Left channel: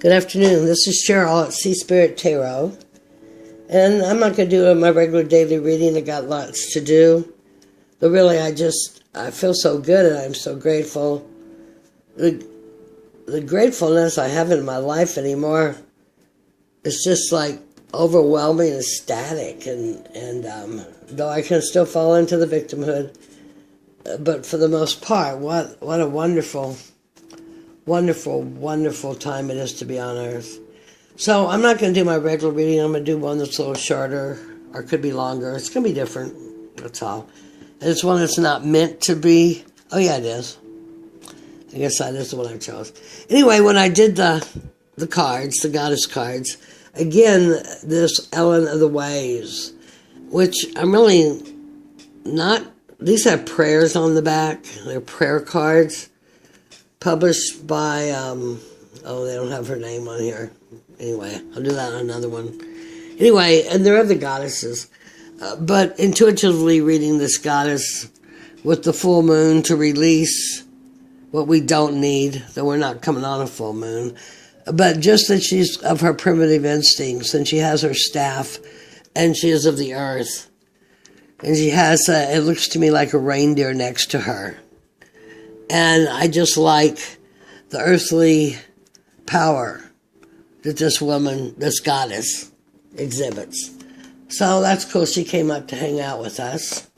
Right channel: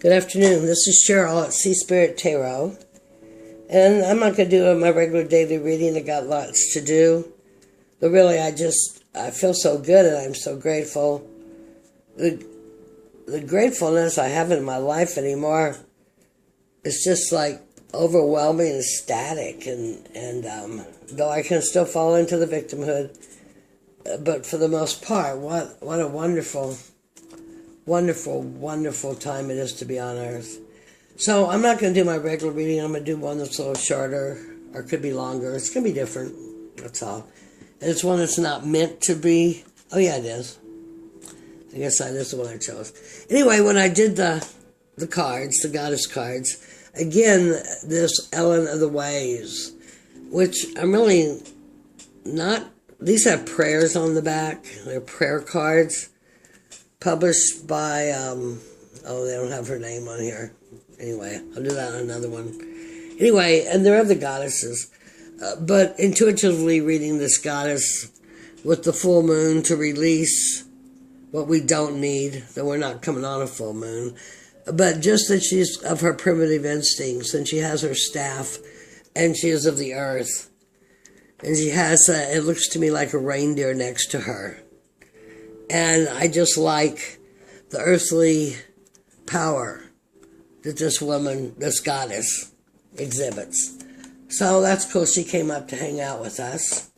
Good afternoon. This is Cheryl at Sea Spirit Tarot. And I'm not going to do my regular daily reading. I got lots to do. But really, I feel so good and I'm so grateful. The gratefulness I have in my life anymore is just like overwhelming and ecstatic. And though I can still fall into the victimhood, but for the most part, what a wonderful time it is to be on Earth. So I'm not going to do my regular reading. I'm going to do one that's a little shorter, or could be longer. It's going to be different, that's all. And it's one that's not meant to be. Oh yeah, it is. I guess that is the one I chose. Anyway, when I did the cards, the goddess cards, again, this Ellen of the Ways, which I'm really not, these have prayers on the back. They're prayer cards. Published by, they don't have her name on here. Anyway, I'll do that on another one. Anyway, and there are other goddesses. But intuitively reading this goddess with the full moon to release what we don't need, that we're not coming on a full moon. But just that she's of her primitive instincts, and she has her staff, and she is of the earth. And she has, it looks to me like a reindeer next to her. And I just like the earthly power that this woman, this goddess, exhibits. So that's cool. She came up to hang out with us.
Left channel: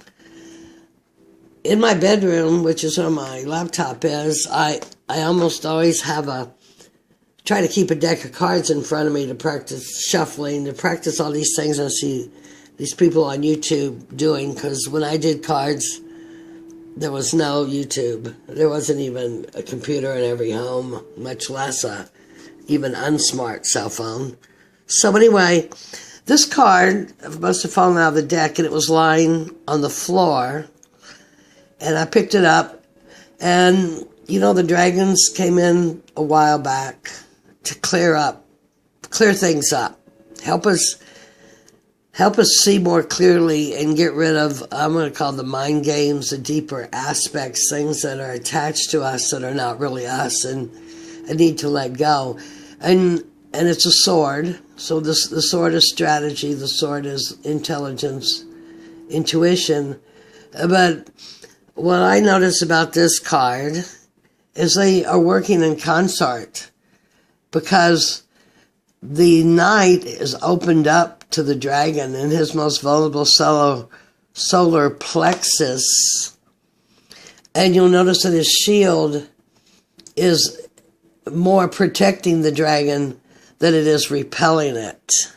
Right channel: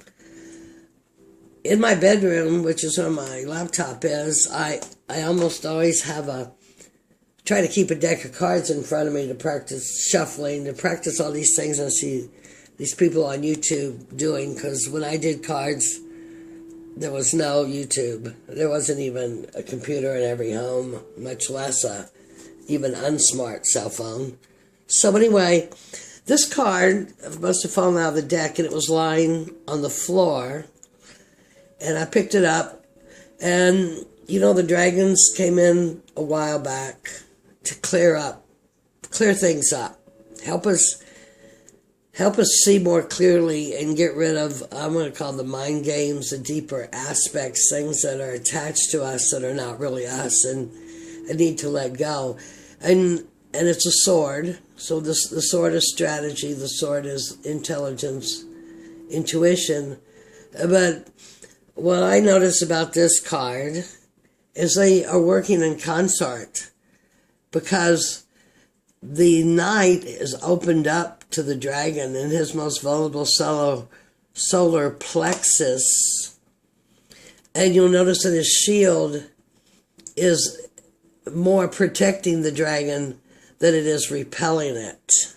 In my bedroom, which is where my laptop is, I almost always try to keep a deck of cards in front of me to practice shuffling, to practice all these things I see these people on YouTube doing, because when I did cards, there was no YouTube. There wasn't even a computer in every home, much less a even unsmart cell phone. So anyway, this card must have fallen out of the deck, and it was lying on the floor. And I picked it up, and the dragons came in a while back to clear things up, help us see more clearly and get rid of, I'm going to call the mind games, the deeper aspects, things that are attached to us that are not really us and need to let go. And it's a sword. So the sword is strategy. The sword is intelligence, intuition. But what I notice about this card is they are working in concert, because the knight is opened up to the dragon in his most vulnerable solar plexus. And you'll notice that his shield is more protecting the dragon than it is repelling it.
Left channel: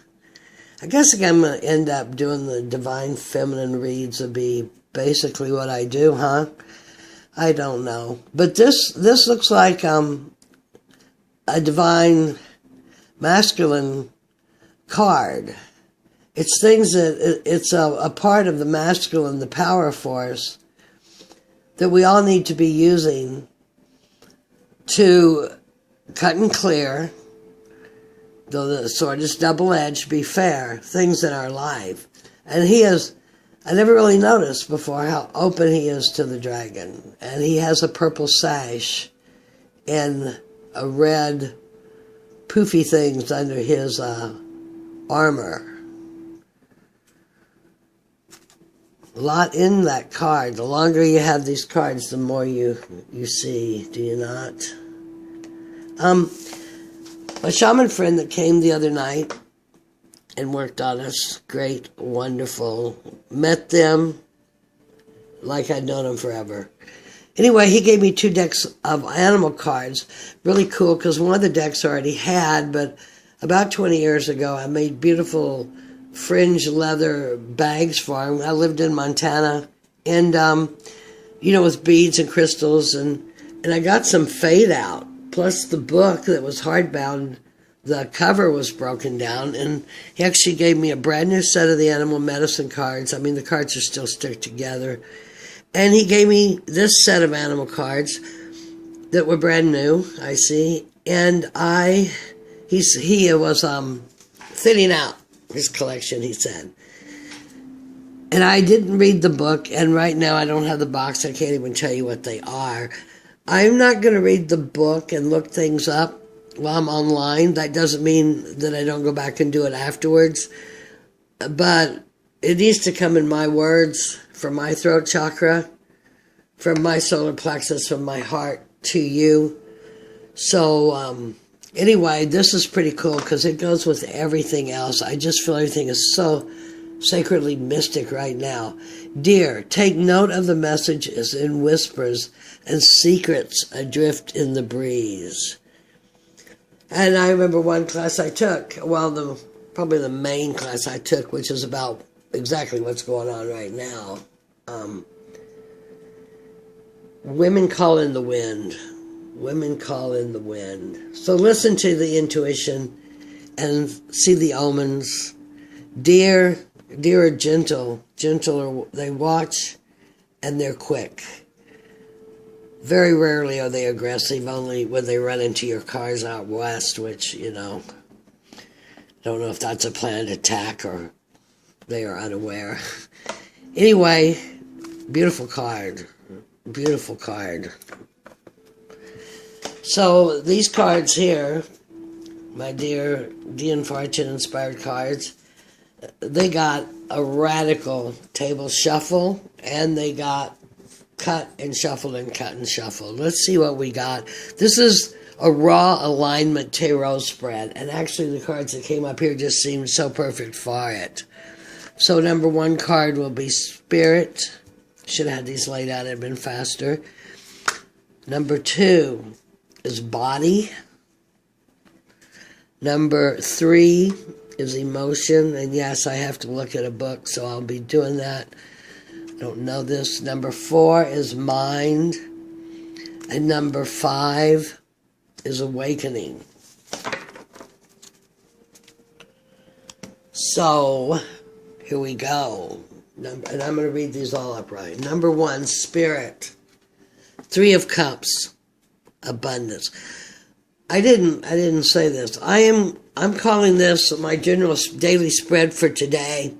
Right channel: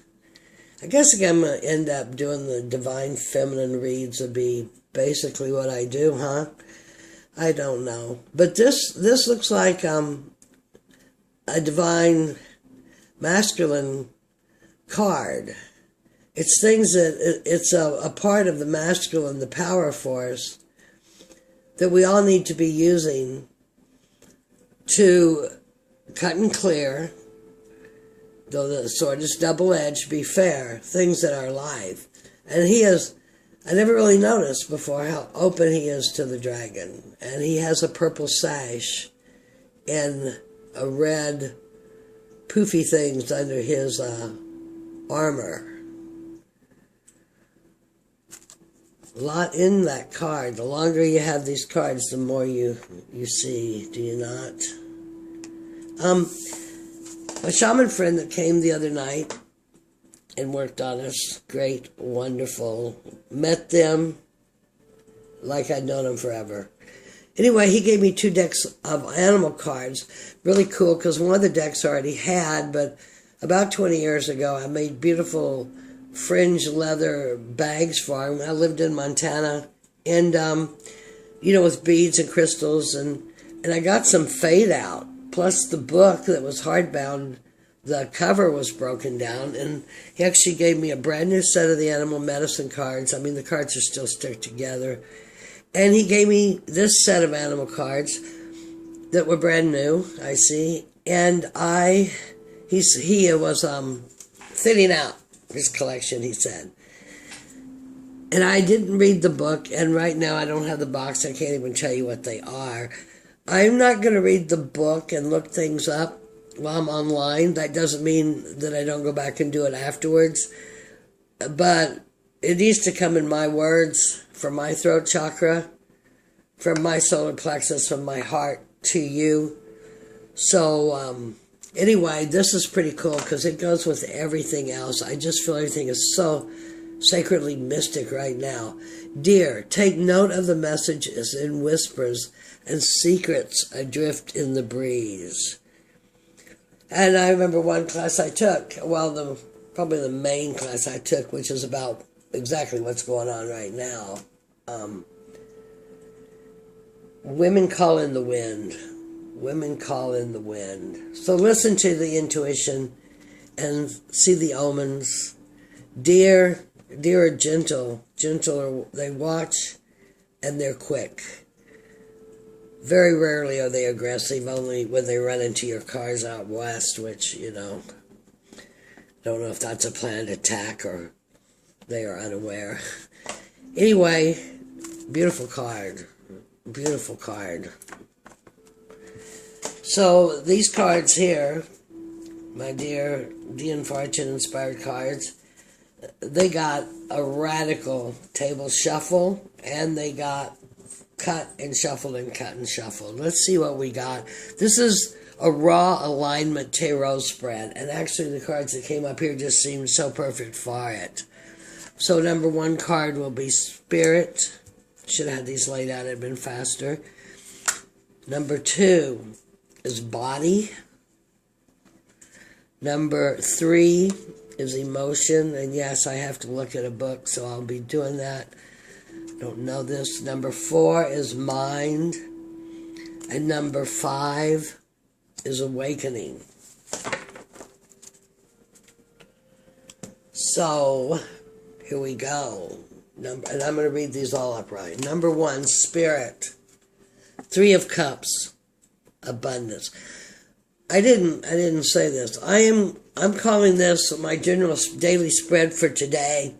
I guess I'm going to end up doing the divine feminine reads would be basically what I do, huh? I don't know. But this looks like a divine masculine card. It's things that, it's a part of the masculine, the power force, that we all need to be using to cut and clear, though the sword is double-edged, be fair, things that are alive. And I never really noticed before how open he is to the dragon. And he has a purple sash and a red poofy things under his armor. A lot in that card. The longer you have these cards, the more you see, do you not? My shaman friend that came the other night and worked on us, great, wonderful, met them like I'd known them forever. Anyway, he gave me 2 decks of animal cards. Really cool, because one of the decks I already had, but about 20 years ago, I made beautiful fringe leather bags for him. I lived in Montana, and with beads and crystals, and I got some fade out, plus the book that was hardbound, the cover was broken down, and he actually gave me a brand new set of the animal medicine cards. I mean, the cards are still stuck together, and he gave me this set of animal cards that were brand new, I see, and he was thinning out his collection, he said. And I didn't read the book, and right now I don't have the box. I can't even tell you what they are. I'm not going to read the book and look things up while I'm online. That doesn't mean that I don't go back and do it afterwards. But it needs to come in my words, from my throat chakra, from my solar plexus, from my heart to you. So anyway, this is pretty cool because it goes with everything else. I just feel everything is so sacredly mystic right now. Dear, take note of the messages in whispers and secrets adrift in the breeze. And I remember one class I took, well, probably the main class I took, which is about exactly what's going on right now. Women call in the wind. Women call in the wind. So listen to the intuition and see the omens. Deer are gentle. They watch and they're quick. Very rarely are they aggressive, only when they run into your cars out west, which, I don't know if that's a planned attack or they are unaware. Anyway, beautiful card. Beautiful card. So these cards here, my dear Dean Fortune inspired cards, they got a radical table shuffle, and they got cut and shuffled and cut and shuffled. Let's see what we got. This is a raw alignment tarot spread, and actually the cards that came up here just seemed so perfect for it. So number one card will be Spirit. Should have had these laid out, it'd been faster. Number two is Body. Number three is Emotion, and yes, I have to look at a book, so I'll be doing that. I don't know this. Number four is Mind, and number five is Awakening. So here we go. And I'm going to read these all upright. Number one, Spirit. Three of Cups, abundance. I didn't say this. I'm calling this my general daily spread for today.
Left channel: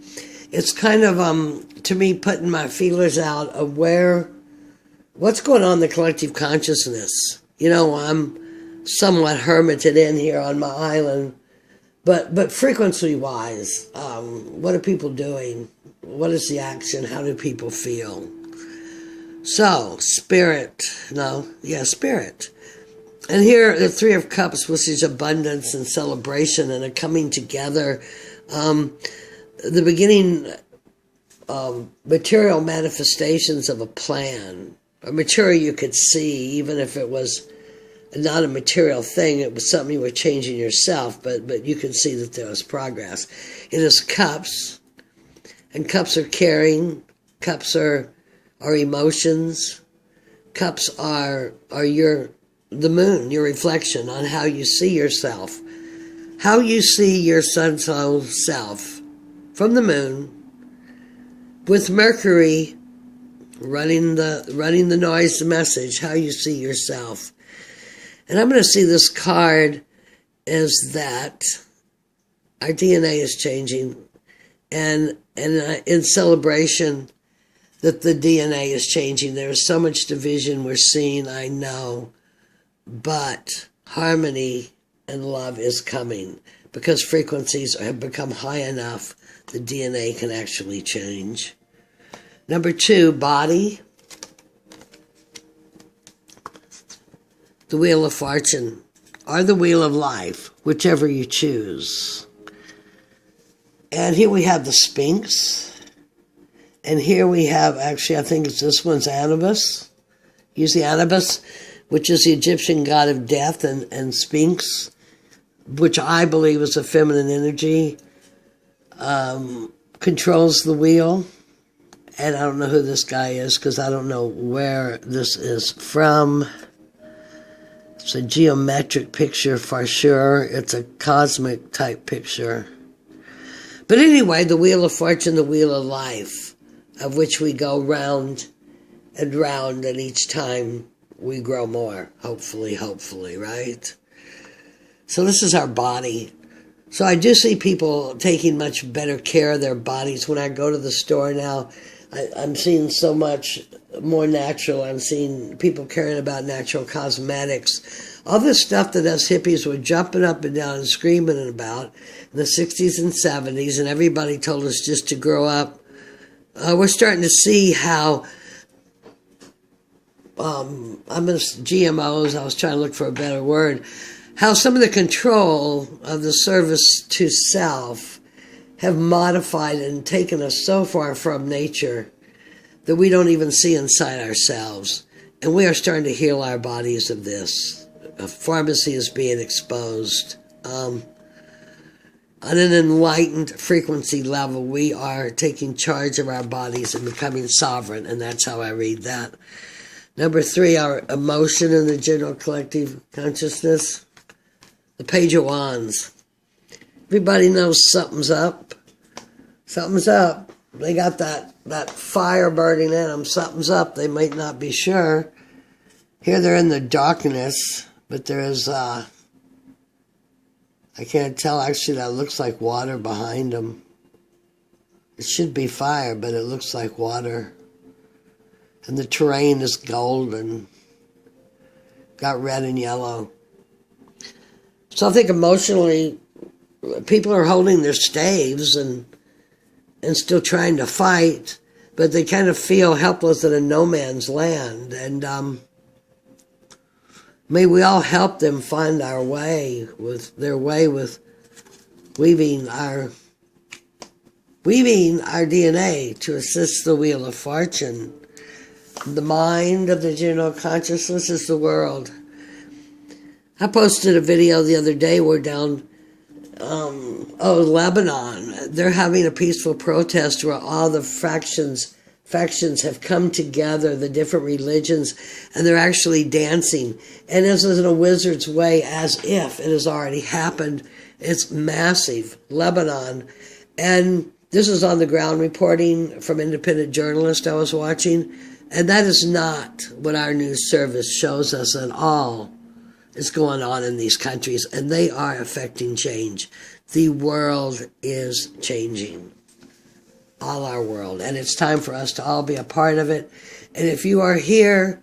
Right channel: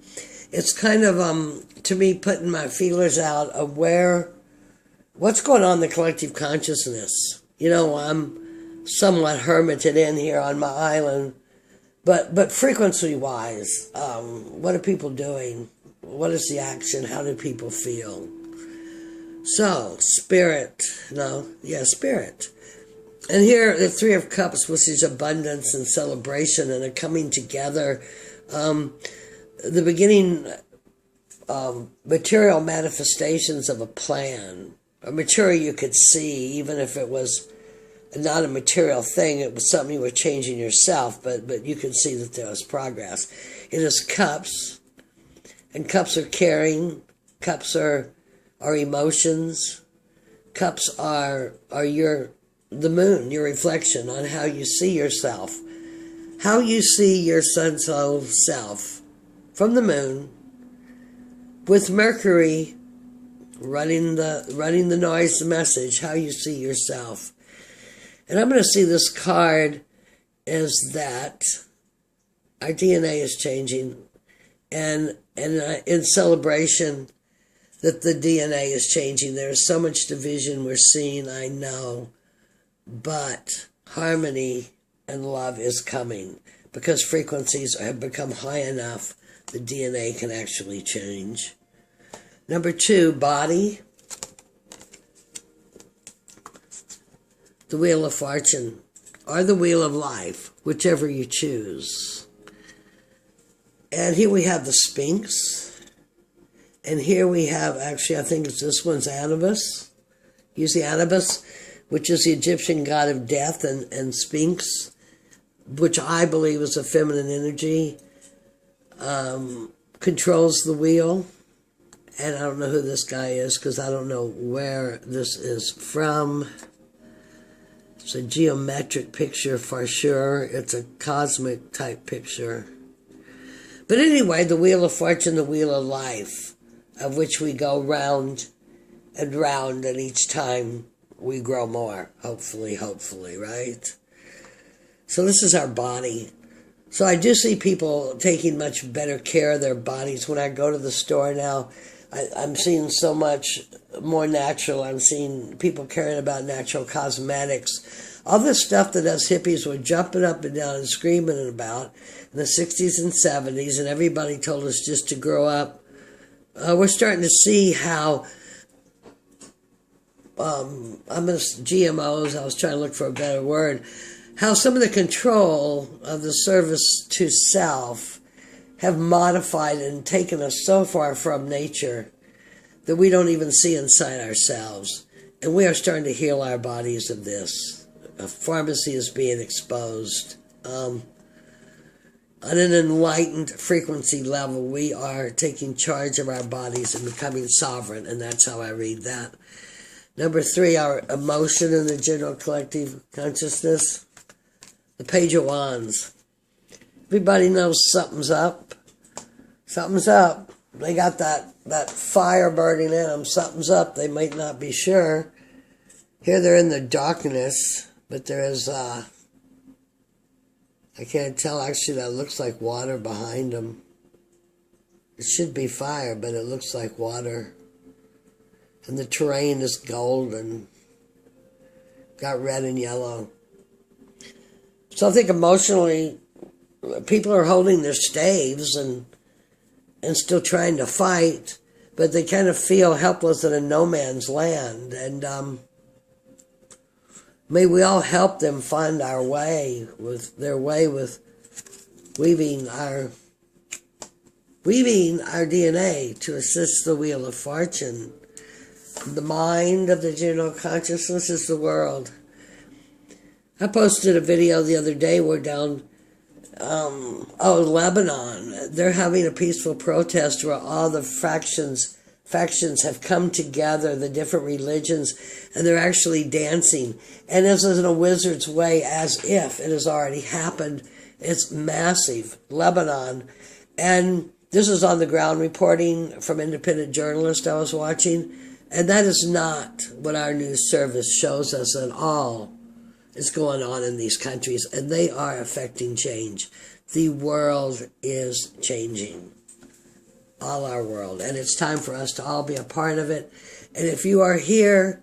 It's kind of to me putting my feelers out of what's going on in the collective consciousness. I'm somewhat hermited in here on my island, but frequency wise, what are people doing? What is the action? How do people feel? So, Spirit. Spirit. And here, the Three of Cups, which is abundance and celebration and a coming together. The beginning material manifestations of a plan. A material you could see, even if it was not a material thing, it was something you were changing yourself, but you could see that there was progress. It is Cups. And cups are caring, cups are emotions, cups are the moon, your reflection on how you see yourself, how you see your sun's own self from the moon, with Mercury running the noise, the message, how you see yourself. And I'm going to see this card as that our DNA is changing, and in celebration that the DNA is changing. There is so much division we're seeing, I know, but harmony and love is coming because frequencies have become high enough the DNA can actually change. Number two, Body. The Wheel of Fortune, or the Wheel of Life, whichever you choose. And here we have the Sphinx. And here we have, actually, I think this one's Anubis. Use the Anubis, which is the Egyptian god of death, and Sphinx, which I believe is a feminine energy, controls the wheel. And I don't know who this guy is because I don't know where this is from. It's a geometric picture for sure. It's a cosmic type picture. But anyway, the Wheel of Fortune, the Wheel of Life, of which we go round and round, and each time we grow more, hopefully, right? So this is our body. So I do see people taking much better care of their bodies. When I go to the store now, I'm seeing so much more natural. I'm seeing people caring about natural cosmetics. All this stuff that us hippies were jumping up and down and screaming about in the 60s and 70s, and everybody told us just to grow up. We're starting to see how GMOs, I was trying to look for a better word, how some of the control of the service to self have modified and taken us so far from nature that we don't even see inside ourselves. And we are starting to heal our bodies of this. A pharmacy is being exposed. On an enlightened frequency level, we are taking charge of our bodies and becoming sovereign, and that's how I read that. Number 3, our emotion in the general collective consciousness. The Page of Wands. Everybody knows something's up. Something's up. They got that fire burning in them. Something's up. They might not be sure. Here they're in the darkness, but there is, I can't tell. Actually, that looks like water behind them. It should be fire, but it looks like water. And the terrain is golden. Got red and yellow. So I think emotionally, people are holding their staves and still trying to fight, but they kind of feel helpless in a no man's land. And may we all help them find their way with weaving our DNA to assist the wheel of fortune. The mind of the general consciousness is the world. I posted a video the other day. We're down, Lebanon. They're having a peaceful protest where all the factions have come together, the different religions, and they're actually dancing. And this is in a wizard's way, as if it has already happened. It's massive, Lebanon. And this is on the ground reporting from independent journalists I was watching. And that is not what our news service shows us at all is going on in these countries. And they are affecting change. The world is changing. All our world. And it's time for us to all be a part of it. And if you are here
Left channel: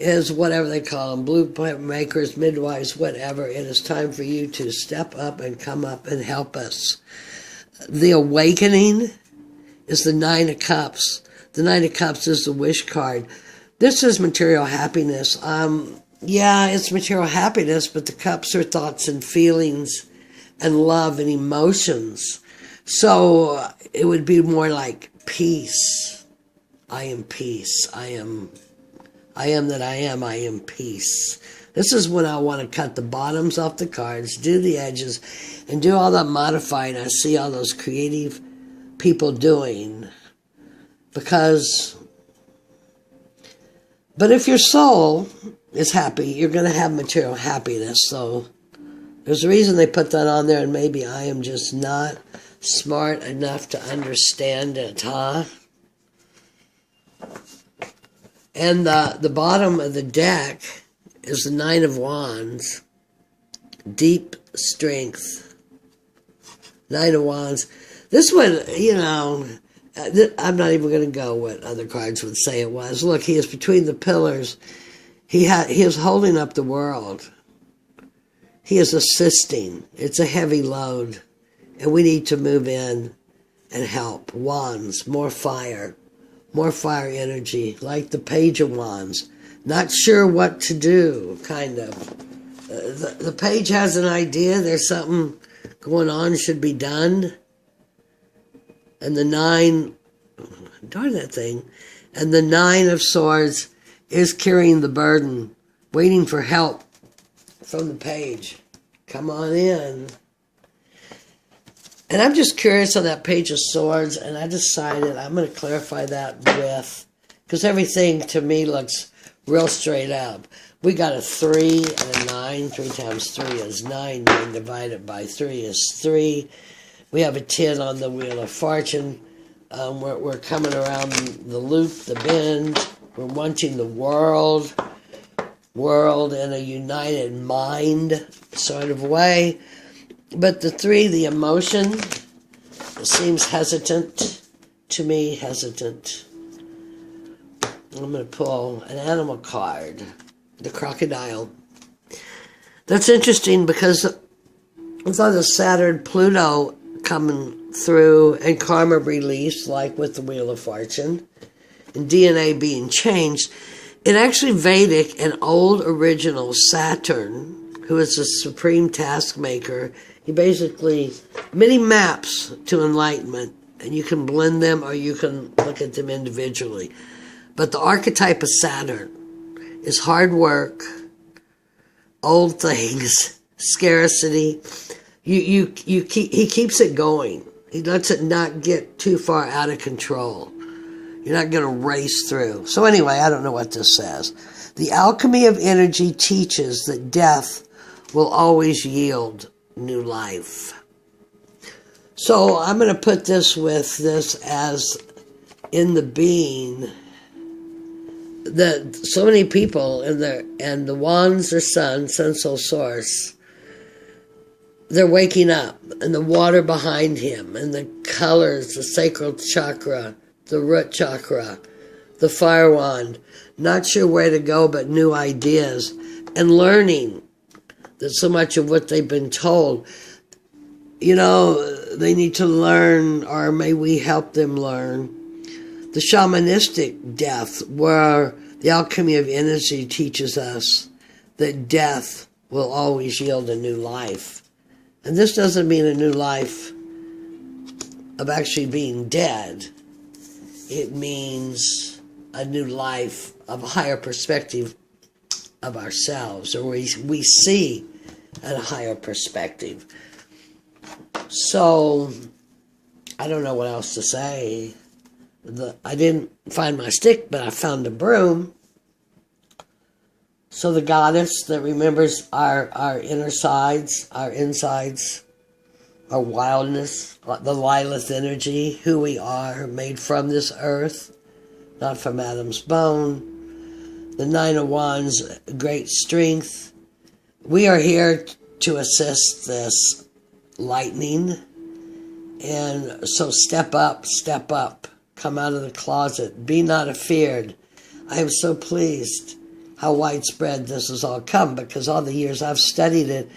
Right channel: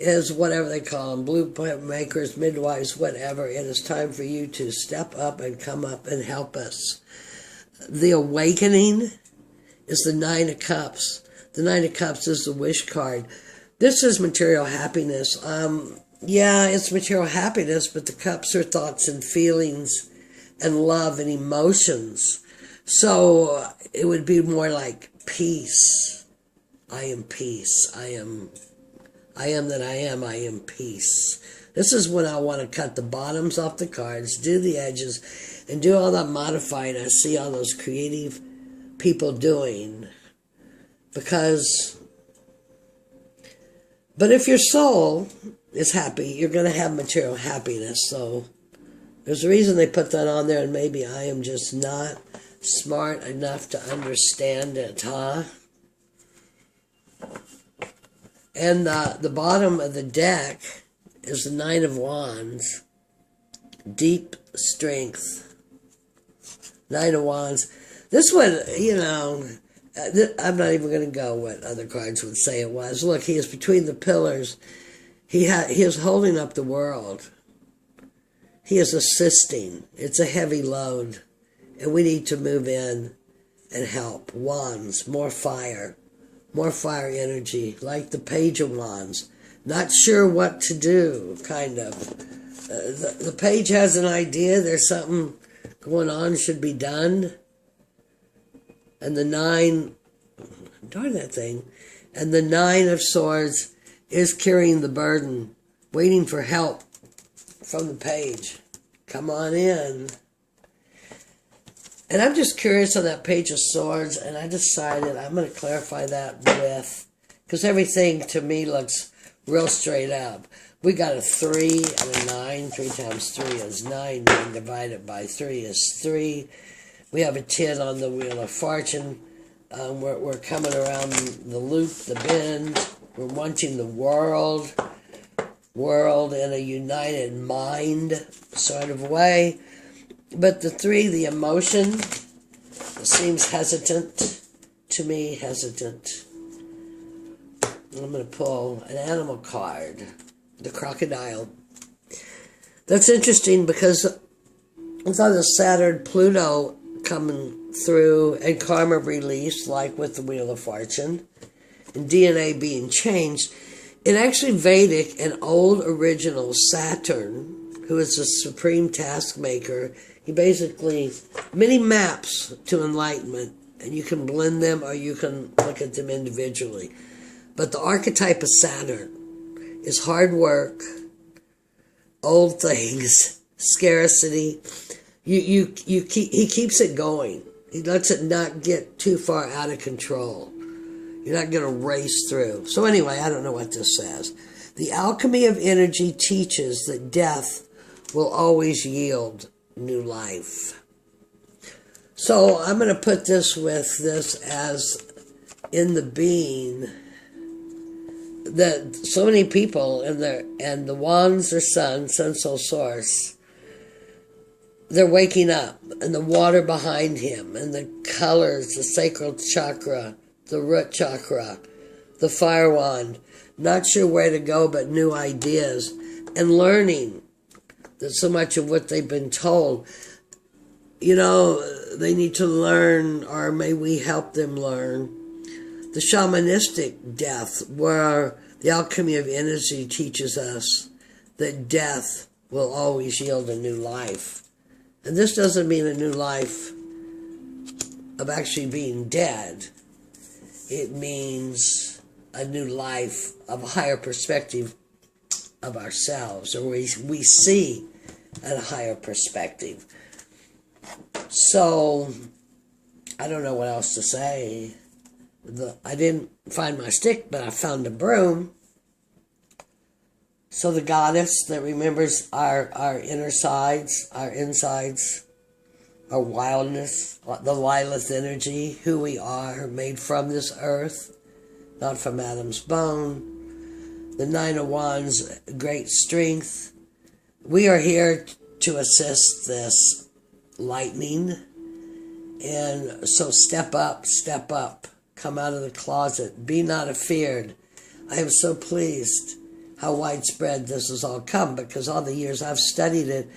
as whatever they call them, blueprint makers, midwives, whatever, it is time for you to step up and come up and help us. The awakening is the 9 of Cups. The 9 of Cups is the wish card. This is material happiness. Yeah, it's material happiness, but the cups are thoughts and feelings and love and emotions. So it would be more like peace. I am peace. I am that I am peace. This is when I want to cut the bottoms off the cards, do the edges, and do all that modifying I see all those creative people doing. But if your soul is happy, you're going to have material happiness. So there's a reason they put that on there, and maybe I am just not smart enough to understand it, huh? And the bottom of the deck is the 9 of Wands. Deep strength. 9 of Wands. This one, I'm not even going to go what other cards would say it was. Look, he is between the pillars. He is holding up the world. He is assisting. It's a heavy load. And we need to move in and help. Wands, more fire energy, like the Page of Wands. Not sure what to do, kind of. The Page has an idea. There's something going on, should be done. And the 9, darn that thing, and the 9 of Swords is carrying the burden, waiting for help from the Page. Come on in. And I'm just curious on that Page of Swords, and I decided I'm going to clarify that with, because everything to me looks real straight up. We got a 3 and a 9. 3 times 3 is 9. 9 divided by 3 is 3. We have a 10 on the Wheel of Fortune. We're coming around the loop, the bend. We're wanting the world in a united mind sort of way. But the 3, the emotion, seems hesitant to me, hesitant. I'm going to pull an animal card, the crocodile. That's interesting because I thought of Saturn, Pluto coming through and karma release, like with the Wheel of Fortune, and DNA being changed. In actually Vedic and old original Saturn, who is the supreme task maker, he basically, many maps to enlightenment, and you can blend them or you can look at them individually. But the archetype of Saturn is hard work, old things, scarcity. He keeps it going. He lets it not get too far out of control. You're not going to race through. So anyway, I don't know what this says. The alchemy of energy teaches that death will always yield new life. So I'm going to put this with this as in the being that so many people and the wands, their sun, soul source, they're waking up, and the water behind him, and the colors, the sacral chakra, the root chakra, the fire wand, not sure where to go but new ideas, and learning that so much of what they've been told, they need to learn, or may we help them learn. The shamanistic death, where the alchemy of energy teaches us that death will always yield a new life. And this doesn't mean a new life of actually being dead. It means a new life of a higher perspective of ourselves, or we see at a higher perspective. So, I don't know what else to say. I didn't find my stick, but I found a broom. So the goddess that remembers our inner sides, our insides, our wildness, the Lilith energy, who we are, made from this earth, not from Adam's bone. The Nine of Wands, great strength. We are here to assist this lightning. And so step up, come out of the closet, be not afeared. I am so pleased how widespread this has all come, because all the years I've studied it,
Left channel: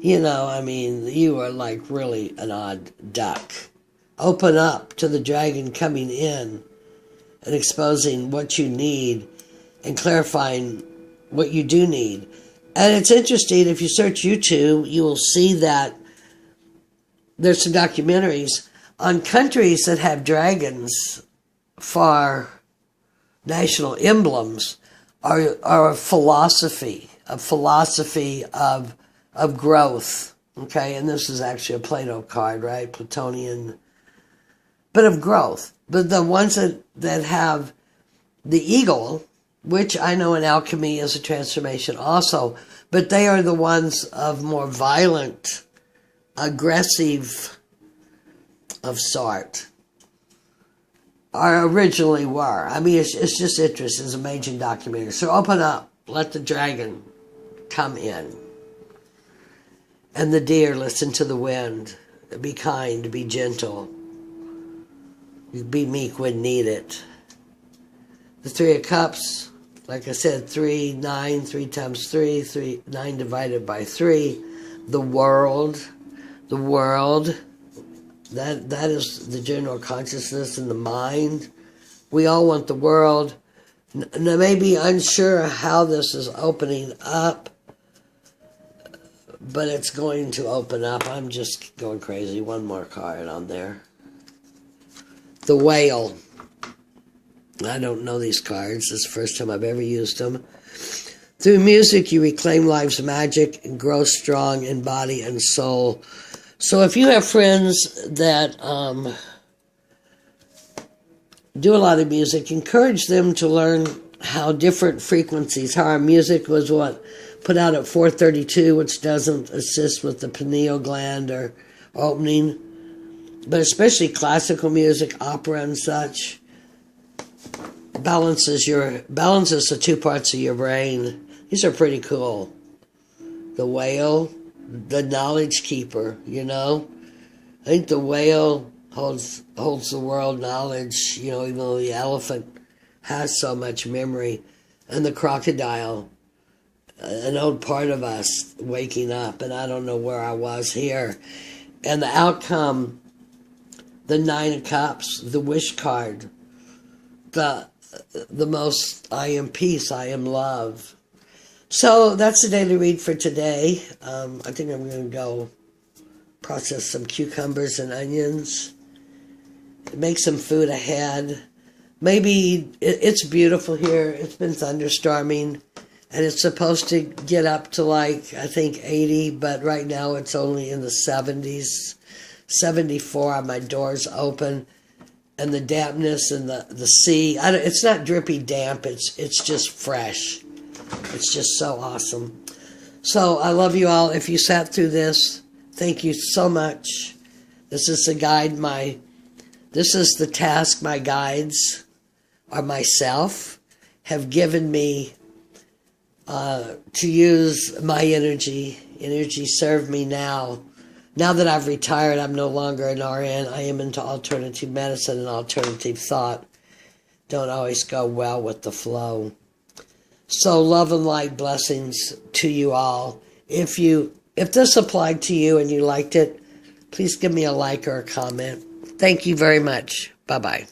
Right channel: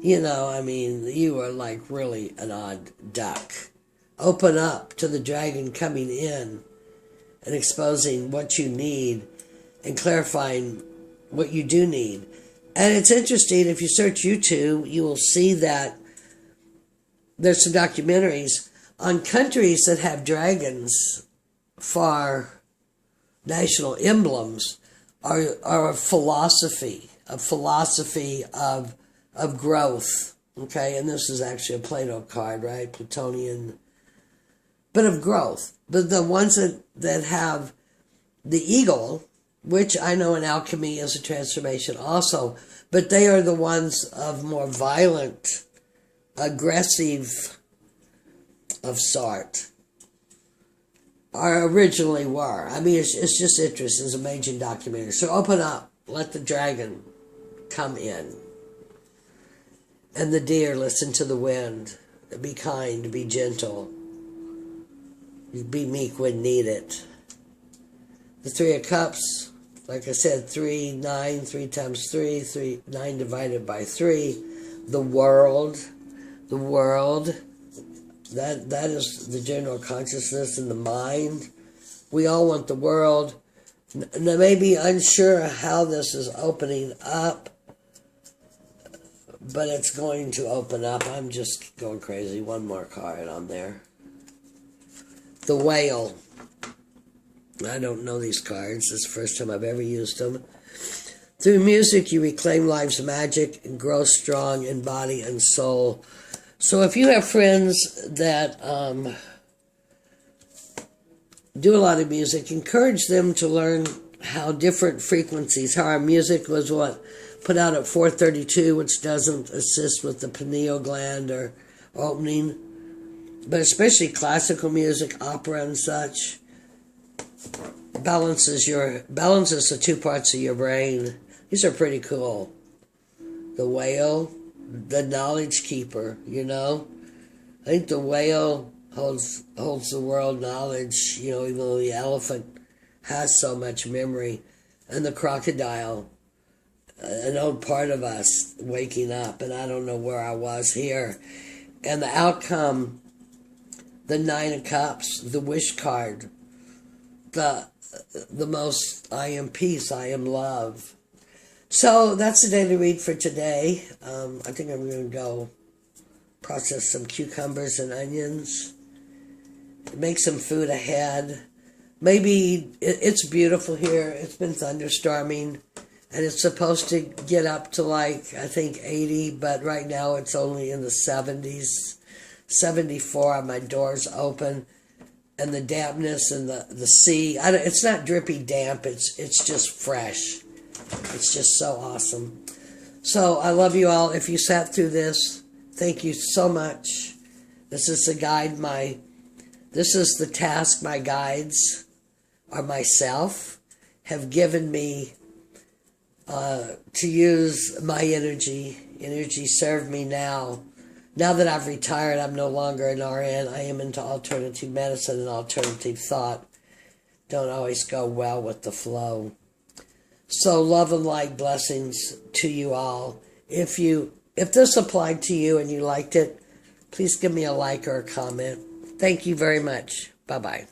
you are like really an odd duck. Open up to the dragon coming in and exposing what you need and clarifying what you do need. And it's interesting, if you search YouTube, you will see that there's some documentaries on countries that have dragons for national emblems, are a philosophy of growth. Okay, and this is actually a Plato card, right? Platonian, but of growth. But the ones that have the eagle, which I know in alchemy is a transformation also, but they are the ones of more violent, aggressive of sort, or originally were. I mean, it's just interesting. It's an amazing documentary. So open up, let the dragon come in. And the deer, listen to the wind. Be kind, be gentle. Be meek when needed. The Three of Cups, like I said, 3, 9, 3 times 3, 9 divided by 3. The world, that is the general consciousness in the mind. We all want the world. Now, maybe unsure how this is opening up, but it's going to open up. I'm just going crazy. One more card on there. The Whale. I don't know these cards. This is the first time I've ever used them. Through music, you reclaim life's magic and grow strong in body and soul. So if you have friends that do a lot of music, encourage them to learn how different frequencies, how our music was put out at 432, which doesn't assist with the pineal gland or opening, but especially classical music, opera and such, balances the two parts of your brain. These are pretty cool. The Whale, the knowledge keeper, I think the whale holds the world knowledge, even though the elephant has so much memory. And the crocodile, an old part of us waking up, and I don't know where I was here. And the outcome, the Nine of Cups, the wish card, the most, I am peace, I am love. So that's the daily read for today. I think I'm going to go process some cucumbers and onions, make some food ahead. Maybe it's beautiful here. It's been thunderstorming, and it's supposed to get up to like, I think 80, but right now it's only in the 70s, 74. My door's open, and the dampness and the sea. It's not drippy damp. It's just fresh. It's just so awesome. So I love you all. If you sat through this, thank you so much. This is the guide. This is the task my guides or myself have given me to use my energy. Energy serve me now. Now that I've retired, I'm no longer an RN. I am into alternative medicine, and alternative thought don't always go well with the flow. So love and light, blessings to you all. If this applied to you and you liked it, please give me a like or a comment. Thank you very much. Bye-bye.